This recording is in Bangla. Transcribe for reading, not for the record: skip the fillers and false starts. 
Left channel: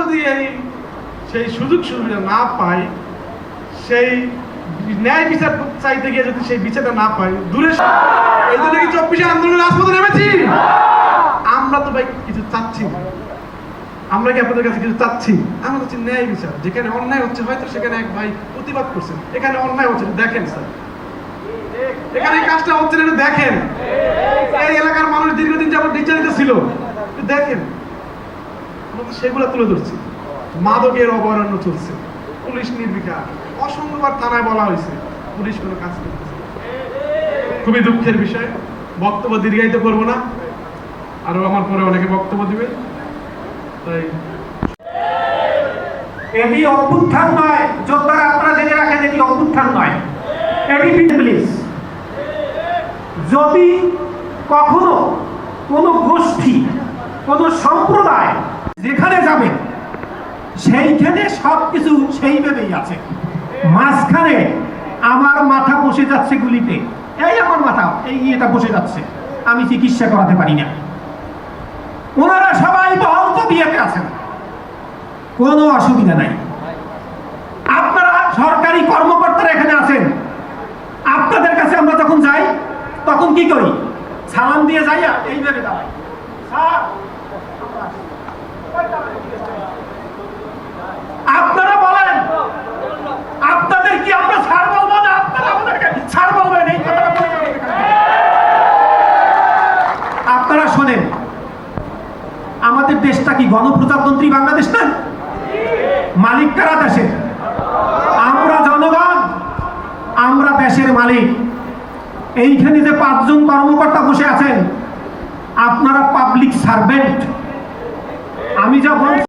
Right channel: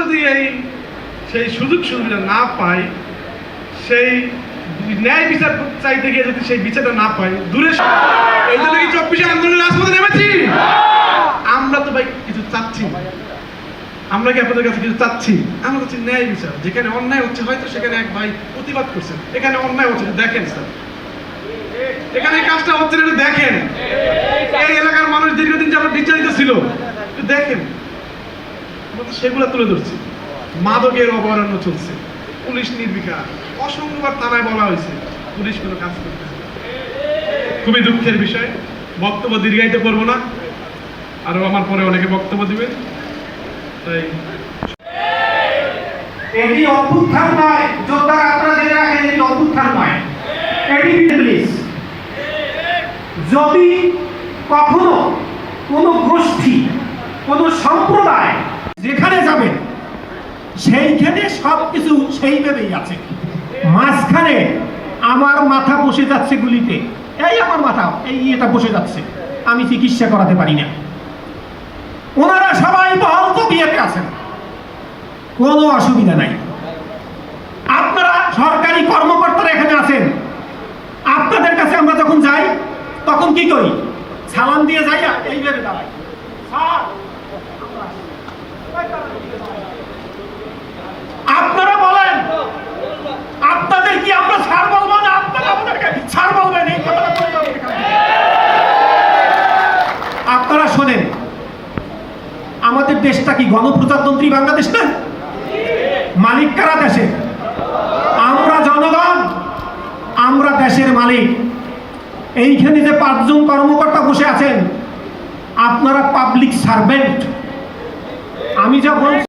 যদি সেই সুযোগ সুবিধা না পাই, সেই ন্যায় বিচার চাইতে গিয়ে যদি সেই বিচারটা না পাই, দূরে এই জন্য কি 24শে আন্দোলনের রাজপথে নেমেছি। আমরা তো ভাই কিছু চাচ্ছি, আমরা কি আপনাদের কাছে কিছু চাচ্ছি? আমরা হচ্ছে ন্যায় বিচার। যেখানে অন্যায় হচ্ছে হয়তো সেখানে এক ভাই প্রতিবাদ করছে, এখানে অন্যায় হচ্ছে দেখেন স্যার, এখানে কাজটা হচ্ছে না দেখেন। এই এলাকার মানুষ দীর্ঘদিন যাবত নির্যাতিত ছিল, দেখেন আমরা তো সেগুলো তুলে ধরছি। মাদকের অভয়ারণ্য চলছে, পুলিশ নির্বিকার, অসংখ্যবার থানায় বলা হয়েছে, পুলিশ কোনো কাজ করতেছে। খুবই দুঃখের বিষয়। বক্তব্য দীর্ঘায়িত করবো না, আরো আমার পরে অনেকে বক্তব্য দিবে। তাই এটি অভ্যুত্থান নয়, যোদ্ধারা আপনারা জেনে রাখেন, এটি অভ্যুত্থান নয়, এটি রিলিজ। যদি কখনো কোনো গোষ্ঠী, কোনো সম্প্রদায় যেখানে যাবে সেইখানে সবকিছু সেইভাবেই আছে, মাঝখানে আমার মাথা বসে যাচ্ছে গুলিতে, এই আমার মাথা এটা বসে যাচ্ছে, আমি চিকিৎসা করাতে পারি না। ওনারা সবাই বহন্ত বিয়েতে আছেন, কোনো অসুবিধা নাই। আপনারা সরকারি কর্মকর্তারা এখানে আছেন, আপনাদের কাছে আমরা যখন যাই তখন কি করি? সালাম দিয়ে যাই, এইভাবে দাঁড়াই, আপনারা বলেন আপনাদের কি আমরা স্যার বলবো না? আপনারা আমাদেরকে স্যার বলবেন, এই কথাটা বলে যাবেন। আপনারা শোনেন, আমাদের দেশটা কি গণপ্রজাতন্ত্রী বাংলাদেশ না? মালিক কারা দেশের? আমরা জনগণ, আমরা দেশের মালিক। এইখানে যে 5 জন কর্মকর্তা বসে আছেন, আপনারা পাবলিক সার্ভেন্ট। আমি যখন